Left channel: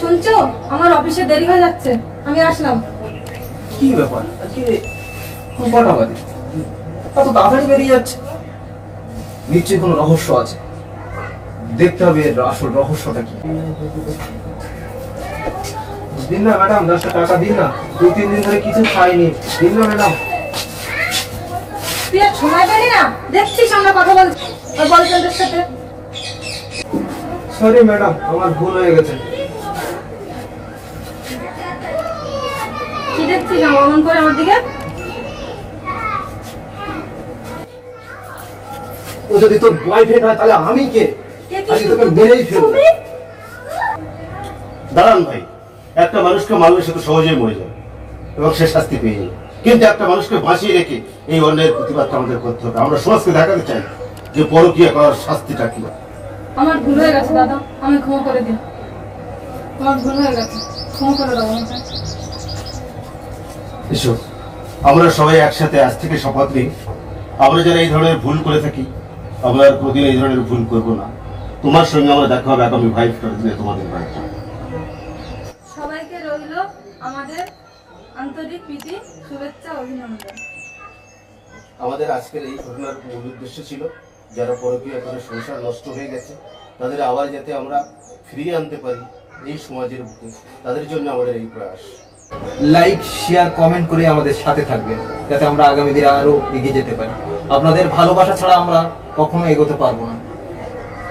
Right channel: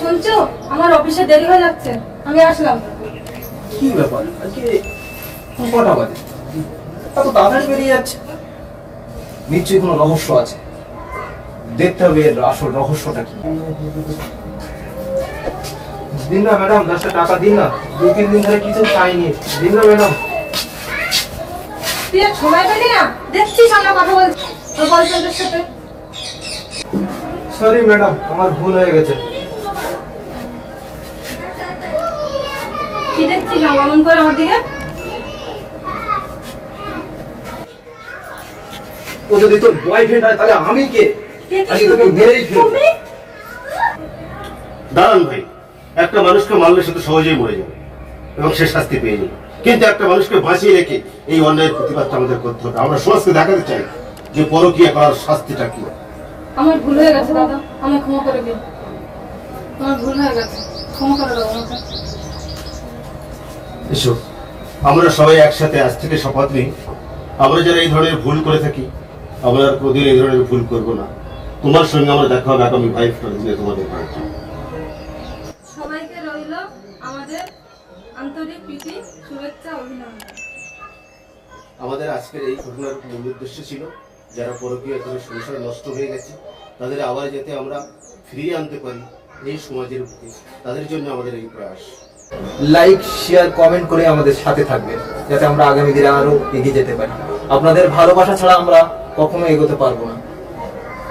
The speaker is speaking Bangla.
শুনছো? আমার অফিসে দেরি হয়ে যাচ্ছে, আমি আসলাম। কি ব্যাপার আজকে কটা বাজে? এত তাড়াতাড়ি বেরিয়ে যাচ্ছে, নিশ্চয়ই কোনো রহস্য আছে। দেখতে হবে এর আসল রহস্যটা কি। দিন না ম্যাডাম, 10টা টাকা দিন না, 2-3 দিন ধরে কিছু খাইনি। দিন না ম্যাডাম। তুই আর সময় পেলি না? দেখছিস আমরা কথা বলছি বয়ফ্রেন্ডের সাথে। সরি ম্যাডাম, আমার ভুল হয়ে গেছে। কি দেখছিস অমন করে আমার দিকে? ও যদি তোর বয়ফ্রেন্ড হয় তাহলে আমি কে? আজকে তোকে মেরেই ফেলবো। দাঁড়ান ভাই, একটা মানুষকে মারলে সে তো সহজেই মরে যাবে এবং সে শাস্তি পেয়ে যাবে, কিন্তু একটা মানুষকে বাঁচিয়ে রেখে এই অন্যায়ের প্রতিবাদটা আমাদের করতে হবে। আমরা সমাজকে দেখাতে চাই যে পরকীয়া করার শাস্তিটা কি। আমার ভুল হয়ে গেছে দাদা, আমি ক্ষমা করে দিই। আমার ভুল হয়ে গেছে, ক্ষমা করে দাও আমাকে। এসো, আমরা সবাই একসাথে আজ থেকে শপথ নিই, আমরা যারা এই ধরনের ভুল করে থাকি আমরা আর কোনোদিন এই ধরনের ভুল করবো না। তোমার সঙ্গে আমরা দেখা হবে আগামী ভাইফোঁটার দিনে তোমাদের বাড়িতে। সবাইকে রইল আমাদের আন্তরিক প্রীতি, শুভেচ্ছা, অভিনন্দন। আমাদের আজকের এই ঘটনার মূল উদ্দেশ্য ছিল যারা পরকীয়া করে সংসার নষ্ট হয়ে গেছে তাদের আবার যাতে আমরা ফিরিয়ে আনতে পারি এই সমাজের বুকে, তাদের জন্য আমাদের এই প্রয়াস। লাইক, শেয়ার, কমেন্ট করে আমাদের সাথে থাকবে, যাতে আমরা আগামী দিনে আরো এগিয়ে যেতে পারি। আপনাদের ভালোবাসা ছাড়া আমরা কখনো এগোতে পারবো না।